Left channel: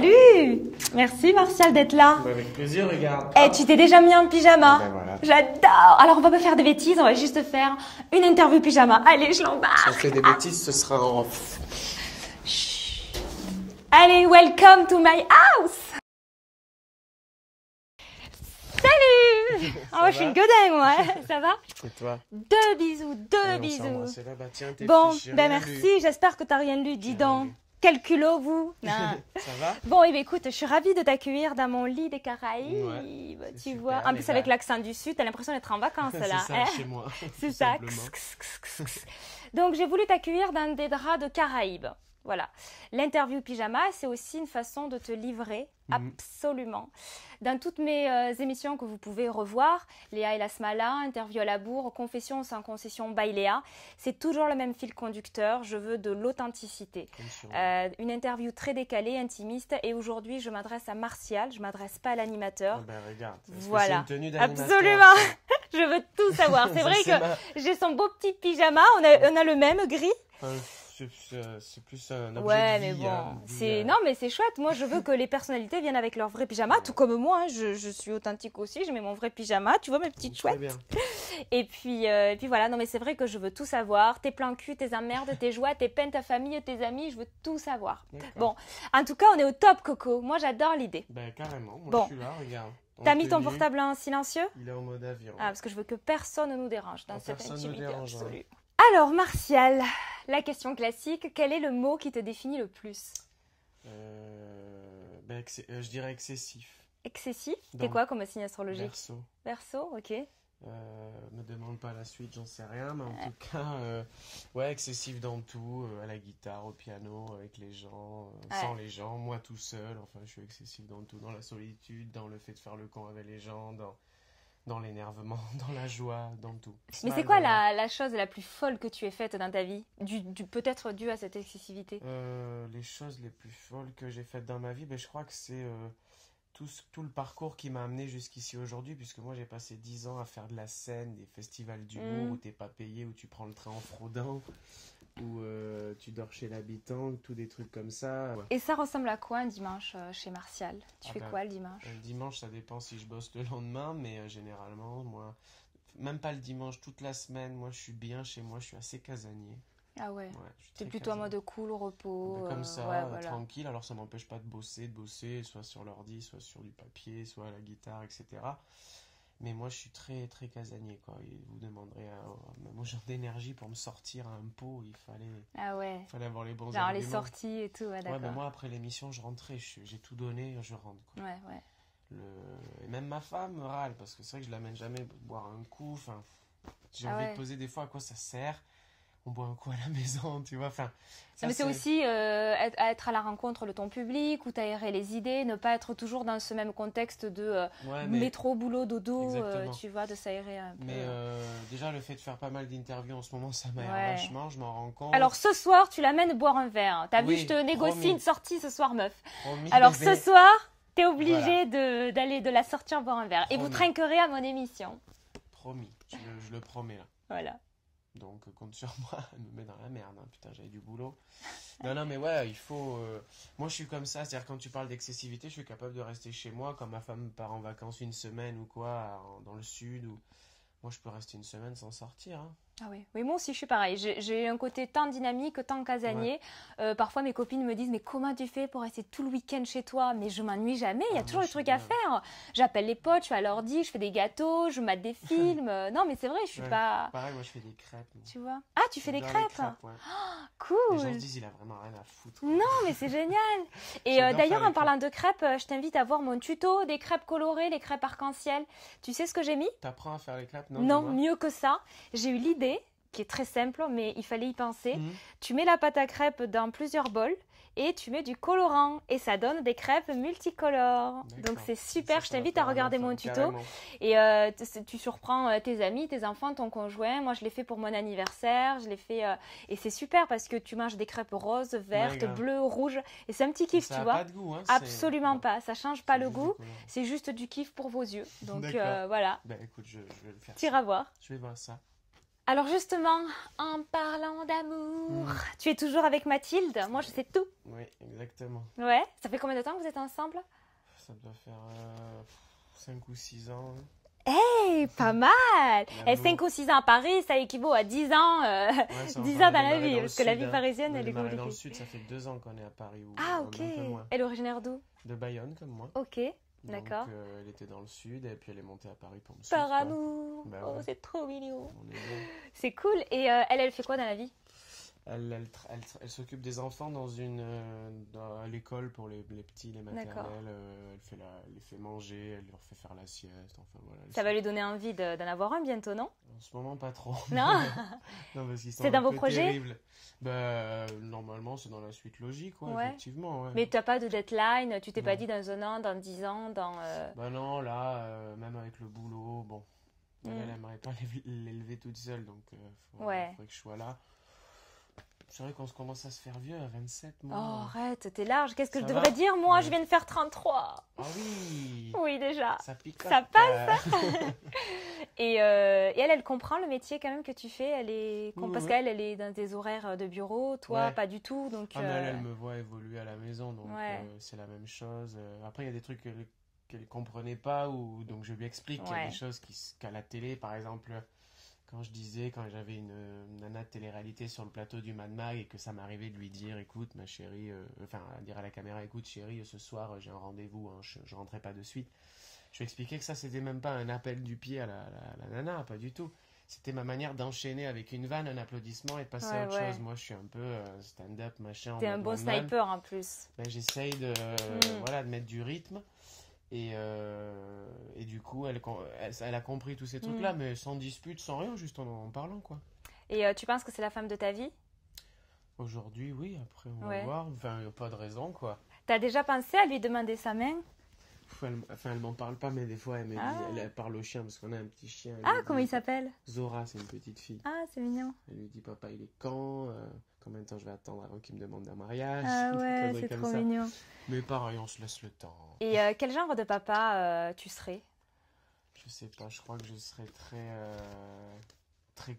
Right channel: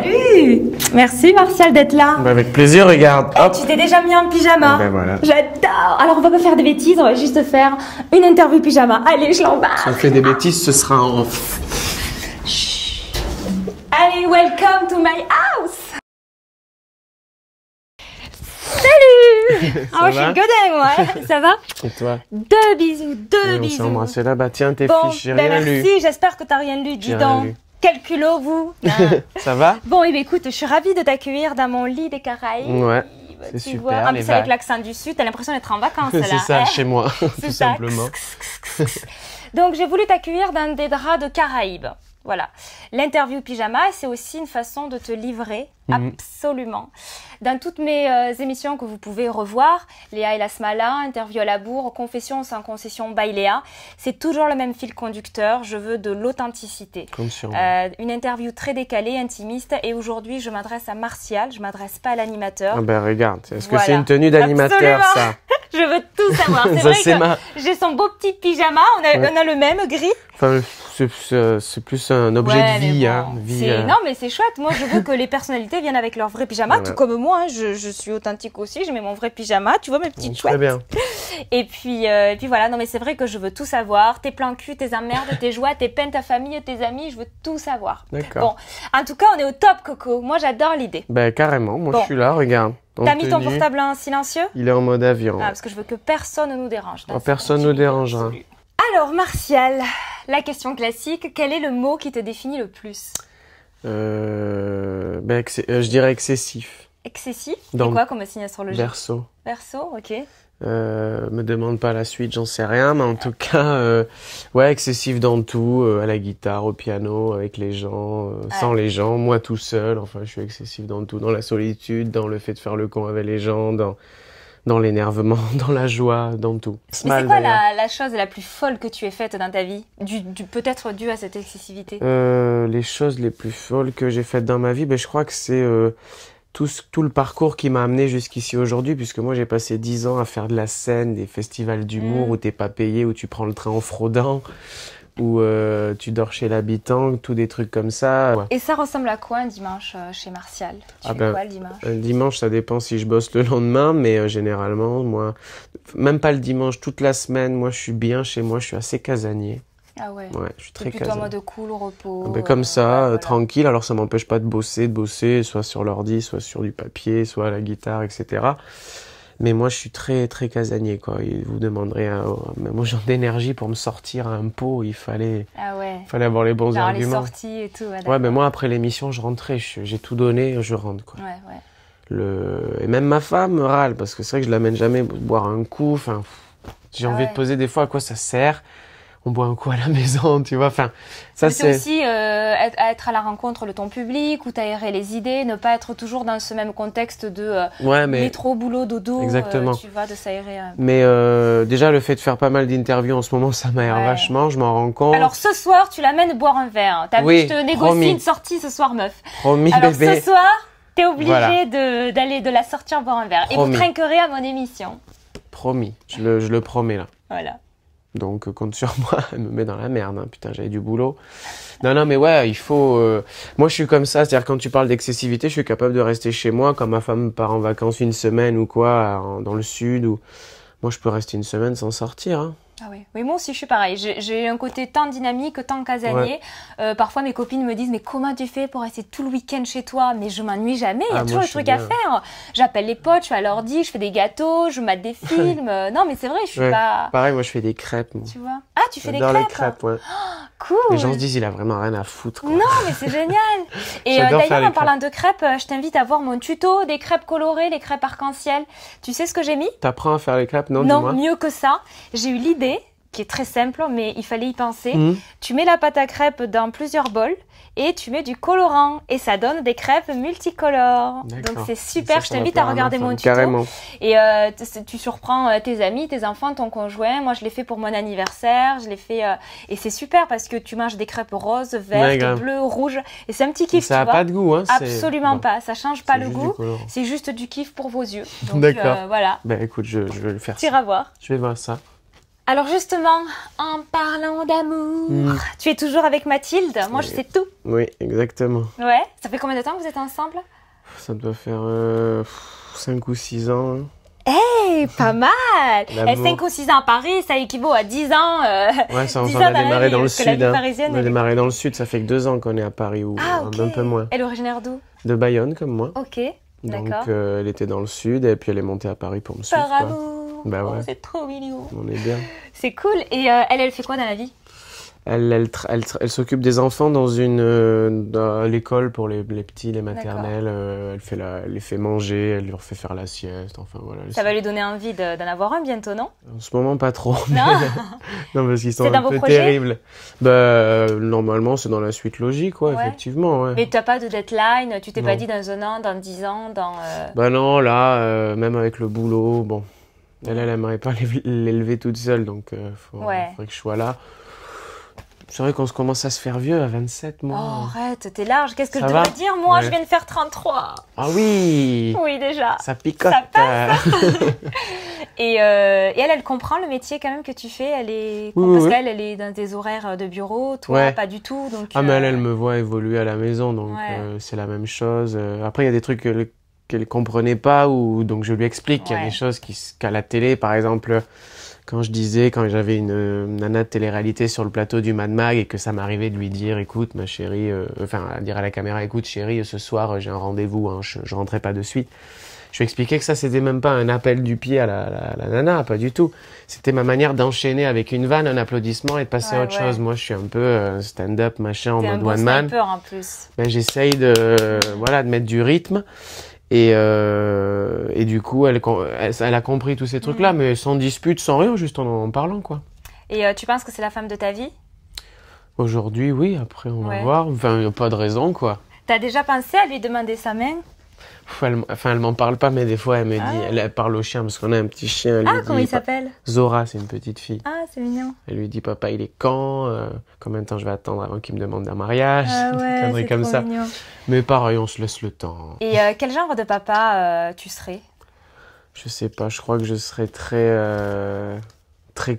Salut! Merci Martial d'être là. Bah, avec plaisir, regarde. Eh, tu t'es déjà mis en pyjama. Ben voilà. J'adore. Alors on va pas faire des bêtises, on va juste faire une interview pyjama. Allez, je l'embarque. Si on fait des bêtises, ce sera en off. Allez, welcome to my house. Salut. Ça Je suis va le godin, moi. Ça va? Et toi? Deux bisous, deux On s'est bisous. embrassé là. Bah tiens, tes Bon, fiches, j'ai ben rien merci, lu. j'espère que t'as rien lu. Dis J'ai rien donc, lu. quel culot vous. Ça va? Bon, eh bien, écoute, je suis ravie de t'accueillir dans mon lit des Caraïbes. Ouais, Tu c'est super, vois, en les plus avec vagues. l'accent du sud, t'as l'impression d'être en vacances là. C'est ça, hein. chez moi, C'est tout ça. simplement. Donc j'ai voulu t'accueillir dans des draps de Caraïbes. Voilà. L'interview pyjama, c'est aussi une façon de te livrer, absolument. Dans toutes mes émissions que vous pouvez revoir, Léa et la Smala, Interview à la bourre, Confession sans concession by Léa, c'est toujours le même fil conducteur. Je veux de l'authenticité. Comme sur moi. Une interview très décalée, intimiste. Et aujourd'hui, je m'adresse à Martial, je m'adresse pas à l'animateur. Ah ben regarde, est-ce que Voilà. c'est une tenue d'animateur Absolument. ça? Je veux tout savoir. C'est Ça, vrai c'est que ma- j'ai son beau petit pyjama, on a le même gris. Enfin, c'est plus un objet Ouais, de mais vie. bon, Hein. Vie, c'est- Non, mais c'est chouette. Moi, je veux que les personnalités viennent avec leur vrai pyjama, Voilà. tout comme moi. Hein. Je suis authentique aussi. Je mets mon vrai pyjama. Tu vois, mes petites Très chouettes. bien. Et puis voilà. Non, mais c'est vrai que je veux tout savoir. Tes plans cul, tes emmerdes, tes joies, tes peines, ta famille, tes amis. Je veux tout savoir. D'accord. Bon, en tout cas, on est au top, Coco. Moi, j'adore l'idée. Ben carrément, moi Bon. je suis là, regarde. T'as En mis ton tenue, portable en silencieux? Il est en mode avion. Ah, parce que je veux que personne ne nous dérange. dans Oh, cette personne ne nous intimité dérangera. absolue. Alors, Martial, la question classique, quel est le mot qui te définit le plus? Je dirais excessif. Excessif? Dans C'est quoi comme signe astrologique? Verseau. Verseau, ok. Me demande pas la suite, j'en sais rien, mais en tout cas, ouais, excessif dans tout, à la guitare, au piano, avec les gens, sans les gens, moi tout seul, enfin, je suis excessif dans tout, dans la solitude, dans le fait de faire le con avec les gens, dans l'énervement, dans la joie, dans tout. Mais c'est quoi la chose la plus folle que tu aies faite dans ta vie? Peut-être due à cette excessivité? Les choses les plus folles que j'ai faites dans ma vie, ben, je crois que c'est tout le parcours qui m'a amené jusqu'ici aujourd'hui, puisque moi j'ai passé 10 ans à faire de la scène, des festivals d'humour où t'es pas payé, où tu prends le train en fraudant, où tu dors chez l'habitant, tous des trucs comme ça. Ouais. Et ça ressemble à quoi un dimanche chez Martial? Tu fais quoi le dimanche? Le dimanche, ça dépend si je bosse le lendemain, mais généralement, moi, même pas le dimanche, toute la semaine, moi je suis bien chez moi, je suis assez casanier. Ah ouais. Ouais, je suis C'est très plutôt en casanier. mode cool, au repos. Ben, comme ça, ouais, voilà. tranquille. Alors ça m'empêche pas de bosser, soit sur l'ordi, soit sur du papier, soit à la guitare, etc. Mais moi, je suis très, très casanier, quoi. Et vous demanderez mon genre d'énergie pour me sortir à un pot, il fallait Ah ouais. avoir les bons Genre les arguments. sorties et tout. Ouais, Ouais, d'accord. mais moi, après l'émission, je rentrais. J'ai tout donné, je rentre, quoi. Ouais, ouais. Et même ma femme me râle, parce que c'est vrai que je l'amène jamais boire un coup. Enfin, j'ai Ah envie ouais. de poser des fois à quoi ça sert. On boit un coup à la maison, tu vois. Enfin, ça Mais c'est aussi être à la rencontre de ton public, ou t'aérer les idées, ne pas être toujours dans ce même contexte de Ouais, mais... métro, boulot, dodo, Exactement. tu vois, de s'aérer un peu. Mais déjà, le fait de faire pas mal d'interviews en ce moment, ça m'aère Ouais. vachement, je m'en rends compte. Alors ce soir, tu l'amènes boire un verre. T'as Oui, vu, je te négocie promis. une sortie ce soir, meuf. Promis, Alors bébé. ce soir, t'es obligé Voilà. d'aller de la sortir boire un verre. Et vous Promis. trinquerez à mon émission. Promis, je le promets là. Voilà. Donc compte sur moi, elle me met dans la merde, hein. Putain, j'avais du boulot. Non, mais ouais, il faut... Moi, je suis comme ça, c'est-à-dire quand tu parles d'excessivité, je suis capable de rester chez moi, quand ma femme part en vacances une semaine ou quoi, dans le sud, ou... Moi, je peux rester une semaine sans sortir, hein. Ah oui. Oui, moi aussi, je suis pareil. J'ai un côté tant dynamique, tant casanier. Parfois, mes copines me disent, mais comment tu fais pour rester tout le week-end chez toi? Mais je m'ennuie jamais. Il y a Ah, toujours moi, des je suis trucs à bien. faire. J'appelle les potes, je suis à l'ordi, je fais des gâteaux, je mate des films. Non, mais c'est vrai, je suis Ouais. pas... Pareil, moi, je fais des crêpes. Moi. Tu vois? Ah, tu fais des J'adore crêpes? les crêpes, ouais. Cool. Les gens se disent, il a vraiment rien à foutre, quoi. Non, mais c'est génial. Et J'adore faire d'ailleurs, les en parlant de crêpes, je t'invite à voir mon tuto des crêpes colorées, les crêpes arc-en-ciel. Tu sais ce que j'ai mis? T'apprends à faire les crêpes, non, Non, dis-moi. mieux que ça. J'ai eu l'idée, qui est très simple, mais il fallait y penser. Mhm. Tu mets la pâte à crêpes dans plusieurs bols et tu mets du colorant. Et ça donne des crêpes multicolores. D'accord. Donc c'est super, Ça je va t'invite plaire à ma regarder femme, mon tuto. Carrément. Et tu surprends tes amis, tes enfants, ton conjoint. Moi, je l'ai fait pour mon anniversaire. Je l'ai fait et c'est super parce que tu manges des crêpes roses, vertes, grave. bleues, rouges. Et c'est un petit kiff, Ça tu n'a vois. pas de goût, hein. Absolument Bon, pas. Ça change pas c'est le juste du goût. colorant. C'est juste du kiff pour vos yeux. Donc D'accord. voilà, Ben écoute, je vais le faire. t'iras voir. Je vais voir ça. Alors justement, en parlant d'amour, tu es toujours avec Mathilde. Moi, je sais tout. Oui, exactement. Ouais. Ça fait combien de temps que vous êtes ensemble? Ça doit faire 5 ou 6 ans. Hein. Hey, pas mal. L'amour. 5 ou 6 ans à Paris, ça équivaut à 10 ans. Ouais, ça, 10 on a ans dans la démarré vie, dans le parce que la sud. vie parisienne, On a elle est- démarré dans le sud, ça fait que 2 ans qu'on est à Paris, ou Ah, ok. un peu moins. Elle est originaire d'où? De Bayonne, comme moi. Ok, Donc, d'accord. elle était dans le sud, et puis elle est montée à Paris pour me suivre. Par quoi. amour. Bah ouais. Oh, c'est trop mignon. On est bien. C'est cool. Et elle fait quoi dans la vie? Elle s'occupe des enfants dans l'école pour les petits, les maternelles. Elle les fait manger, elle leur fait faire la sieste. Enfin, voilà, Ça va lui donner envie d'en avoir un bientôt, non? En ce moment, pas trop. Non. Non, parce qu'ils sont C'est dans un vos peu projets? terribles. Bah, normalement, c'est dans la suite logique, Ouais. effectivement. Ouais. Mais tu n'as pas de deadline? Tu t'es Non. pas dit dans 1 an, dans 10 ans, dans... Bah non, là, même avec le boulot, bon, elle aimerait pas l'élever toute seule, donc faudrait que je sois là. C'est vrai qu'on commence à se faire vieux à 27 mois. Oh, arrête, t'es large. Qu'est-ce que Ça je va? devrais dire, moi? Ouais. Je viens de faire 33. Ah oui, Oui, déjà. ça picote. Ça passe. Et elle comprend le métier quand même que tu fais. Parce oui. qu'elle est dans des horaires de bureau, toi, Ouais. pas du tout. Donc, Ah, mais elle me voit évoluer à la maison, donc Ouais. c'est la même chose. Après, il y a des trucs qu'elle ne comprenait pas, donc je lui explique qu'il y a Ouais. des choses qu'à la télé, par exemple, quand j'avais une nana de télé-réalité sur le plateau du Mad Mag et que ça m'arrivait de lui dire, écoute, ma chérie, à dire à la caméra, écoute, chérie, ce soir, j'ai un rendez-vous, hein, je rentrais pas de suite. Je lui expliquais que ça, c'était même pas un appel du pied à la nana, pas du tout. C'était ma manière d'enchaîner avec une vanne, un applaudissement et de passer à autre chose. Moi, je suis un peu stand-up, machin, en t'es un mode bon one man. sniper en plus. Ben, j'essaye de mettre du rythme. Et du coup, elle a compris tous ces trucs-là, mais sans dispute, sans rien, juste en parlant, quoi. Et tu penses que c'est la femme de ta vie? Aujourd'hui, oui, après, on va voir. Enfin, il n'y a pas de raison, quoi. T'as déjà pensé à lui demander sa main? Elle m'en parle pas, mais des fois, elle me dit, elle parle au chien, parce qu'on a un petit chien. Elle lui Comment dit, il s'appelle? Zora, c'est une petite fille. Ah, c'est mignon. Elle lui dit, papa, il est quand? Combien de temps je vais attendre avant qu'il me demande un mariage? Ah Des ouais, conneries c'est comme trop ça. mignon. Mais pareil, on se laisse le temps. Et quel genre de papa tu serais? Je sais pas, je crois que je serais très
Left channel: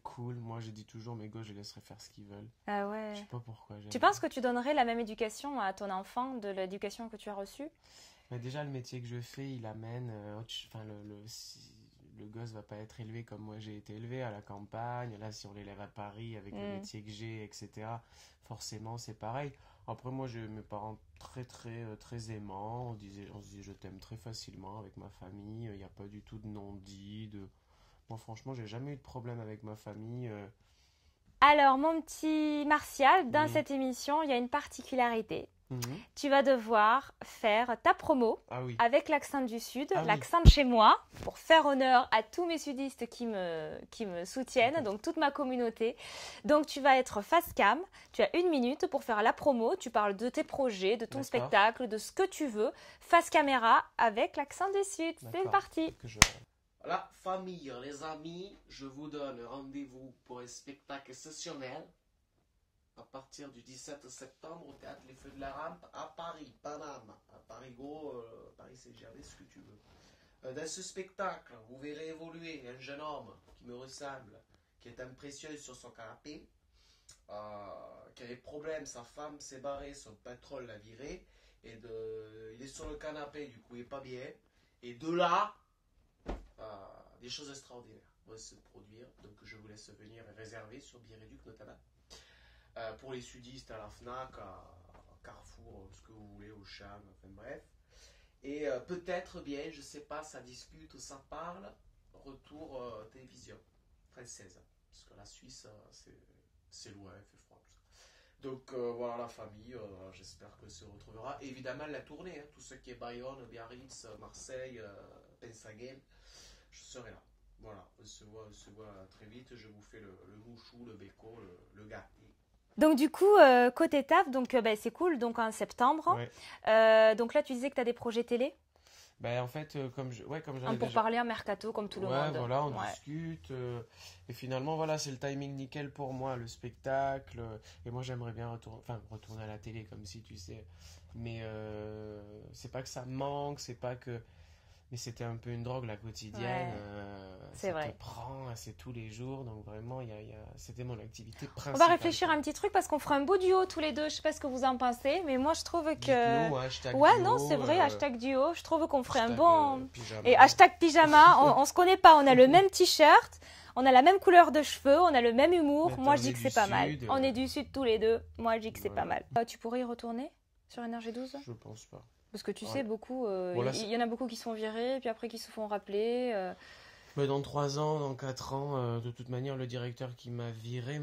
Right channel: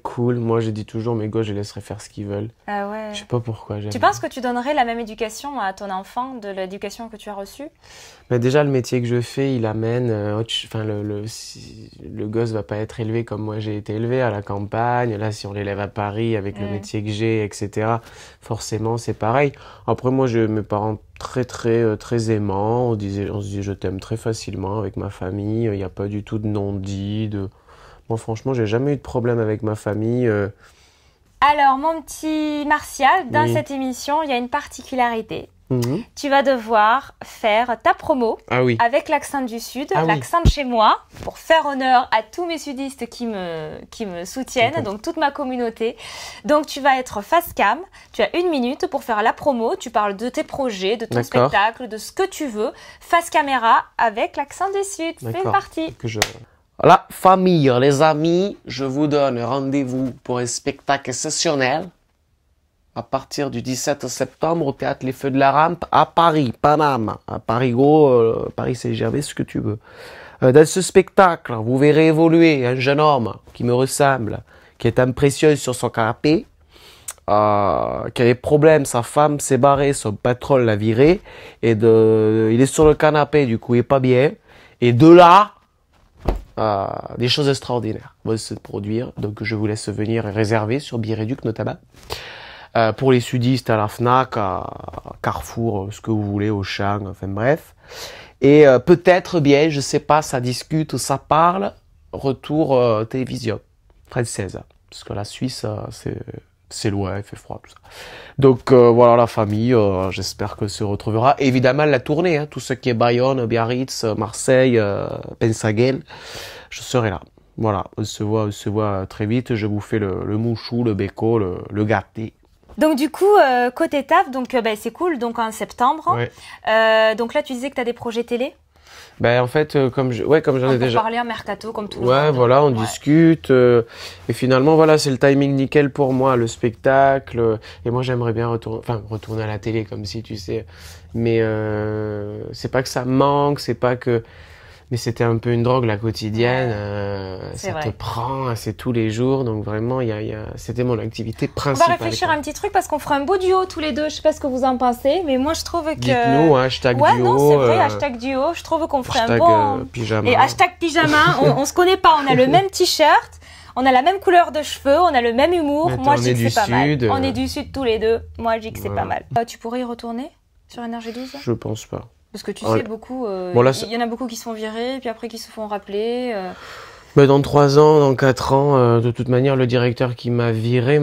cool. Moi, je dis toujours, mes gosses, je les laisserai faire ce qu'ils veulent. Ah ouais. Je sais pas pourquoi. Tu penses que tu donnerais la même éducation à ton enfant de l'éducation que tu as reçue? Mais déjà, le métier que je fais, il amène... le gosse va pas être élevé comme moi j'ai été élevé, à la campagne. Là, si on l'élève à Paris avec le métier que j'ai, etc., forcément, c'est pareil. Après, moi, j'ai mes parents très aimants. On se dit, je t'aime très facilement avec ma famille. Il n'y a pas du tout de non-dit. Moi, franchement, j'ai jamais eu de problème avec ma famille. Alors, mon petit Martial, dans cette émission, il y a une particularité. Tu vas devoir faire ta promo avec l'accent du Sud, l'accent de chez moi, pour faire honneur à tous mes sudistes qui me soutiennent, donc toute ma communauté. Donc tu vas être face cam, tu as 1 minute pour faire la promo, tu parles de tes projets, de ton spectacle, de ce que tu veux, face caméra avec l'accent du Sud. C'est parti. La famille, les amis, je vous donne rendez-vous pour un spectacle exceptionnel à partir du 17 septembre au Théâtre Les Feux de la Rampe à Paris, Paname, à Paris Gros, Paris Saint-Gervais, ce que tu veux. Dans ce spectacle, vous verrez évoluer un jeune homme qui me ressemble, qui est imprécieux sur son canapé, qui a des problèmes, sa femme s'est barrée, son patron l'a viré, et il est sur le canapé, du coup il est pas bien, et de là, des choses extraordinaires vont se produire, donc je vous laisse venir réserver sur Biréduc notamment. Pour les sudistes, à la FNAC, à Carrefour, ce que vous voulez, Auchan, enfin bref. Et peut-être bien, je sais pas, ça discute, ça parle, retour télévision française. Parce que la Suisse, c'est loin, il fait froid, tout ça. Donc voilà la famille, j'espère que se retrouvera. Évidemment la tournée, tout ce qui est Bayonne, Biarritz, Marseille, Pensaguel, je serai là. Voilà, on se voit très vite, je vous fais le mouchou, le béco, le gâté. Donc du coup, côté taf, donc c'est cool, donc en septembre. Ouais. Donc là, tu disais que tu as des projets télé? Ben en fait, comme j'en ai déjà... Pour parler en mercato, comme tout le monde. Ouais, voilà, on discute. Et finalement, voilà, c'est le timing nickel pour moi, le spectacle. Et moi, j'aimerais bien retourner à la télé, comme si, tu sais. Mais c'est pas que ça manque, c'est pas que... Mais c'était un peu une drogue, la quotidienne. C'est Ça vrai. te prend, c'est tous les jours. Donc vraiment, c'était mon activité On principale. va réfléchir à un petit truc parce qu'on fera un beau duo tous les deux. Je sais pas ce que vous en pensez, mais moi je trouve que... Dites-nous, hashtag Ouais, duo. non, c'est vrai, hashtag duo. Je trouve qu'on ferait un Hashtag, bon... pyjama. Et hashtag pyjama, on se connaît pas, on a le même t-shirt, on a la même couleur de cheveux, on a le même humour. Attends, Moi, on je dis est que du c'est pas mal. Sud. On est du Sud tous les deux. Moi, je dis que c'est Voilà. pas mal. Tu pourrais y retourner sur NRJ12 ? Je pense pas. Parce que tu Oh, sais, beaucoup, bon, là, il y en a beaucoup qui se font virer, puis après qui se font rappeler. Mais dans 3 ans, dans 4 ans, de toute manière, le directeur qui m'a viré,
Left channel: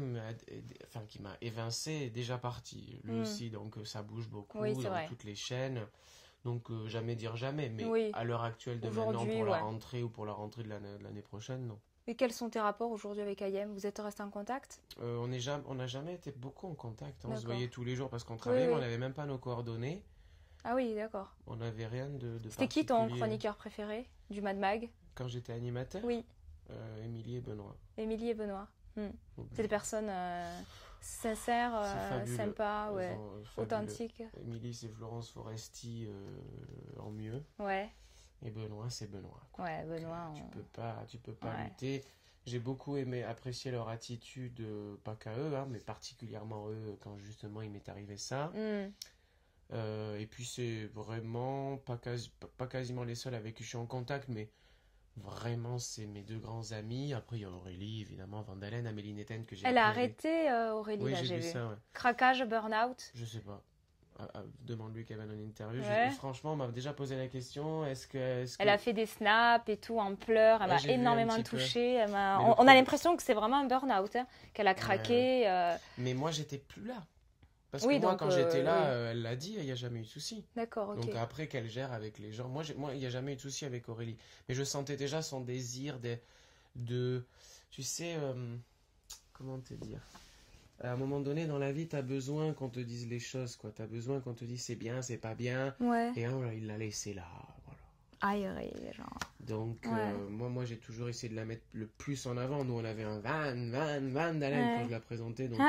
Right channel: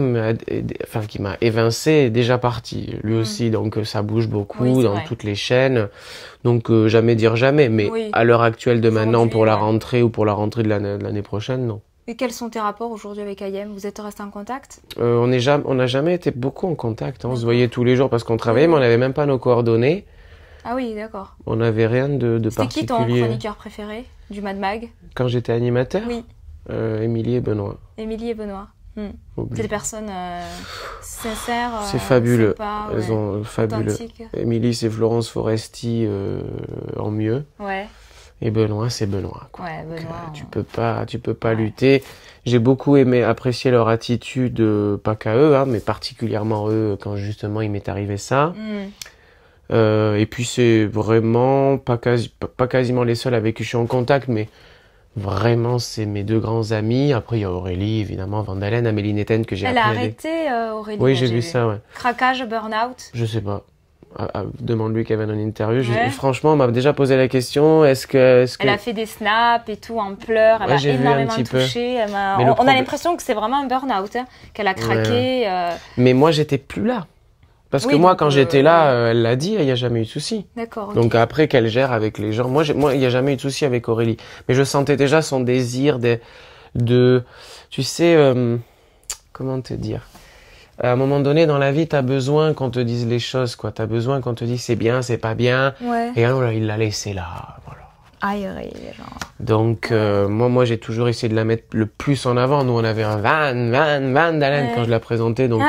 qui m'a évincé, est déjà parti. Lui aussi, donc ça bouge beaucoup Oui, c'est dans vrai. toutes les chaînes. Donc jamais dire jamais. Mais Oui. à l'heure actuelle de maintenant, Aujourd'hui, pour la ouais. rentrée ou pour la rentrée de l'année prochaine, non. Et quels sont tes rapports aujourd'hui avec Ayem ? Vous êtes restés en contact ? On n'a jamais été beaucoup en contact. On se D'accord. voyait tous les jours parce qu'on travaillait, Oui. mais on n'avait même pas nos coordonnées. Ah oui, d'accord. On n'avait rien de C'était qui ton particulier. chroniqueur préféré du Mad Mag ? Quand j'étais animateur, Oui, Émilie et Benoît. Émilie et Benoît. C'est Oublie. des personnes sincères, C'est fabuleux. sympas, Elles ouais, ont fabuleux. authentiques. Émilie, c'est Florence Foresti en mieux. Ouais, Et Benoît, c'est Benoît, quoi. ouais, Donc, Benoît. tu peux pas Ouais. lutter. J'ai beaucoup apprécié leur attitude, pas qu'à eux, hein, mais particulièrement eux, quand justement il m'est arrivé ça. Et puis c'est vraiment pas quasiment les seuls avec qui je suis en contact, mais vraiment c'est mes 2 grands amis. Après il y a Aurélie, évidemment, Vandalen, Amélie Netten que j'ai Elle a appris à arrêté, Aurélie. Oui, là, j'ai vu ça, ouais. Craquage, burn-out. Je sais pas. Demande-lui Kevin en interview. Ouais. Franchement, on m'a déjà posé la question, est-ce que... Elle a fait des snaps et tout en pleurs. Elle Ouais, a j'ai vu un énormément petit peu. touché. Mais le On a problème- l'impression que c'est vraiment un burn-out, hein, qu'elle a craqué. Mais moi, j'étais plus là. Parce Oui, que moi, donc, quand j'étais là, elle l'a dit, il n'y a jamais eu de souci. D'accord, ok. Donc après qu'elle gère avec les gens, moi, il n'y a jamais eu de souci avec Aurélie. Mais je sentais déjà son désir tu sais, comment te dire? À un moment donné, dans la vie, tu as besoin qu'on te dise les choses, quoi. Tu as besoin qu'on te dise c'est bien, c'est pas bien. Ouais. Et alors, il l'a laissé là, voilà. Aéré, genre. Donc, moi, j'ai toujours essayé de la mettre le plus en avant. Nous, on avait un Van Dalen quand je la présentais. Donc,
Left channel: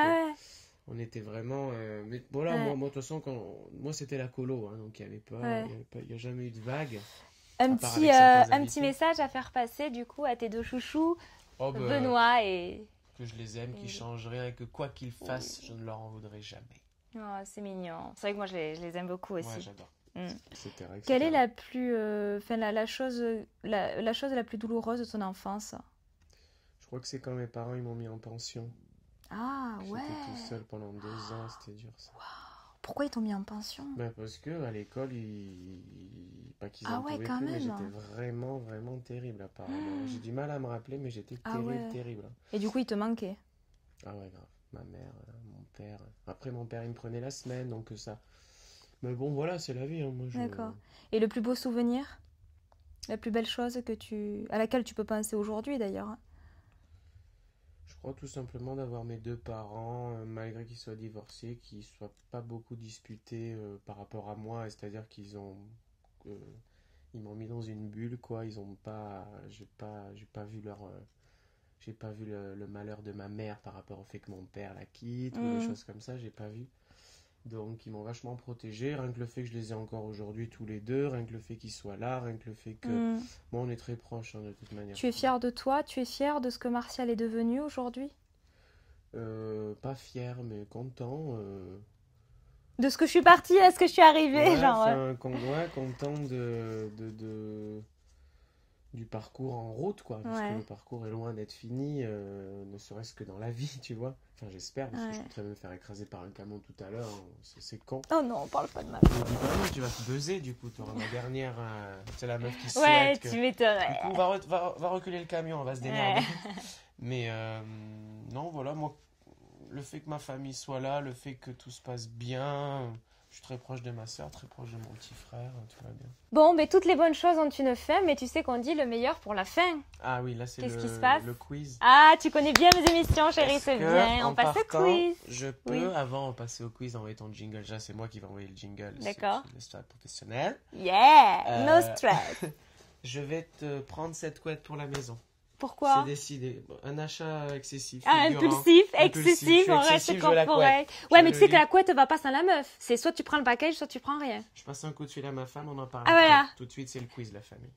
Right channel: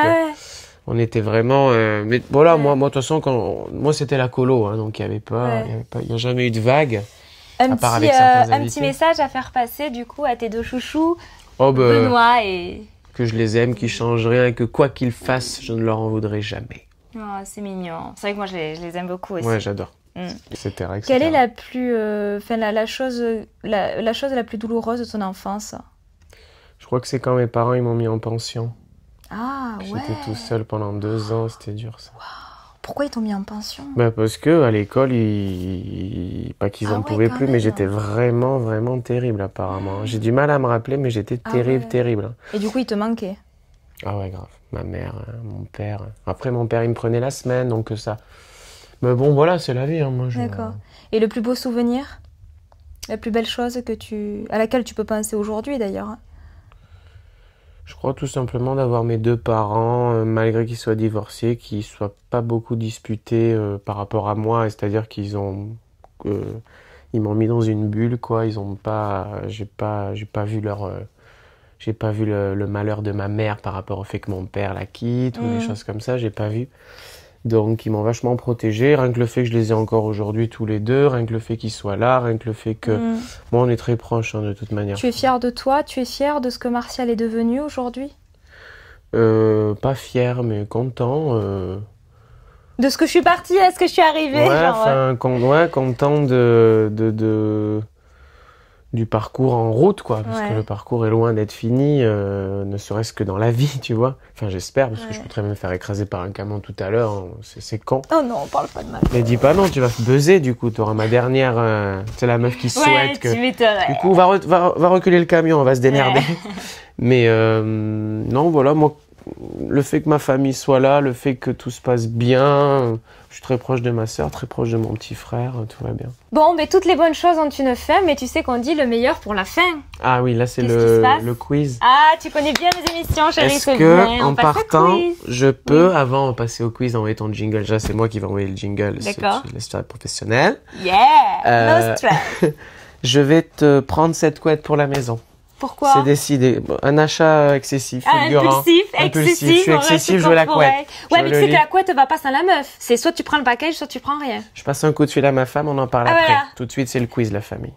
on était vraiment... mais voilà, moi, de toute façon, moi, c'était la colo. Hein, donc, il n'y a jamais eu de vague. Un part avec certains petit invités. message à faire passer, du coup, à tes 2 chouchous, Oh, bah, Benoît et... que je les aime, qu'ils changent rien, et que quoi qu'ils fassent, je ne leur en voudrais jamais. Oh, c'est mignon. C'est vrai que moi, je les aime beaucoup aussi. Ouais, j'adore. Mm. Etc., etc. Quelle est la plus... la chose la plus douloureuse de ton enfance ? Je crois que c'est quand mes parents ils m'ont mis en pension. Ah, ouais. J'étais tout seul pendant 2 ans, c'était dur ça. Pourquoi ils t'ont mis en pension ? Bah parce que à l'école, pas qu'ils en ouais, pouvaient quand plus, mais même. j'étais vraiment, vraiment terrible apparemment. J'ai du mal à me rappeler, mais j'étais terrible, ouais. terrible. Et du coup, ils te manquaient ? Ah ouais, grave. Ma mère, mon père. Après, mon père, il me prenait la semaine, donc ça... Mais bon, voilà, c'est la vie. Hein, moi, D'accord. Et le plus beau souvenir ? La plus belle chose à laquelle tu peux penser aujourd'hui, d'ailleurs ? Je crois tout simplement d'avoir mes 2 parents, malgré qu'ils soient divorcés, qu'ils ne soient pas beaucoup disputés par rapport à moi. C'est-à-dire qu'ils ils m'ont mis dans une bulle, quoi. Ils ont pas... J'ai pas vu j'ai pas vu le malheur de ma mère par rapport au fait que mon père la quitte ou des choses comme ça, j'ai pas vu. Donc ils m'ont vachement protégé, rien que le fait que je les ai encore aujourd'hui tous les 2, rien que le fait qu'ils soient là, rien que le fait que... Moi on est très proches hein, de toute manière. Tu es fière de toi ? Tu es fière de ce que Martial est devenu aujourd'hui ? Pas fier mais content. De ce que je suis partie à ce que je suis arrivée, Ouais, genre. content du parcours en route, quoi. Parce que le parcours est loin d'être fini, ne serait-ce que dans la vie, tu vois. Enfin, j'espère, parce que je peux très bien me faire écraser par un camion tout à l'heure. Hein. C'est con. Oh non, on parle pas de ma... Mais dis pas non, tu vas te buzzer, du coup. Tu auras ma dernière... c'est la meuf qui souhaite que... tu m'étonnes. Du coup, va reculer le camion, on va se démerder. Mais non, voilà, moi, le fait que ma famille soit là, le fait que tout se passe bien, je suis très proche de ma sœur, très proche de mon petit frère, tout va bien. Bon, mais toutes les bonnes choses ont une fin, mais tu sais qu'on dit le meilleur pour la fin. Ah oui, là c'est Qu'est-ce qui se passe ? le quiz. Ah, tu connais bien mes émissions, chérie. Est-ce c'est que bien. en On passe au partant, quiz. je peux, avant de passer au quiz, envoyer ton jingle? Déjà, c'est moi qui vais envoyer le jingle. D'accord. C'est l'histoire professionnelle. Yeah, no stress. Je vais te prendre cette couette pour la maison. Pourquoi ? C'est décidé. Bon, un achat excessif. Impulsif, excessif. Je suis excessif, je veux la couette. Ouais, mais tu sais que la couette va pas sans la meuf. C'est soit tu prends le package, soit tu prends rien. Je passe un coup de fil à ma femme, on en parle Ah, après. voilà. Tout de suite, c'est le quiz, la famille.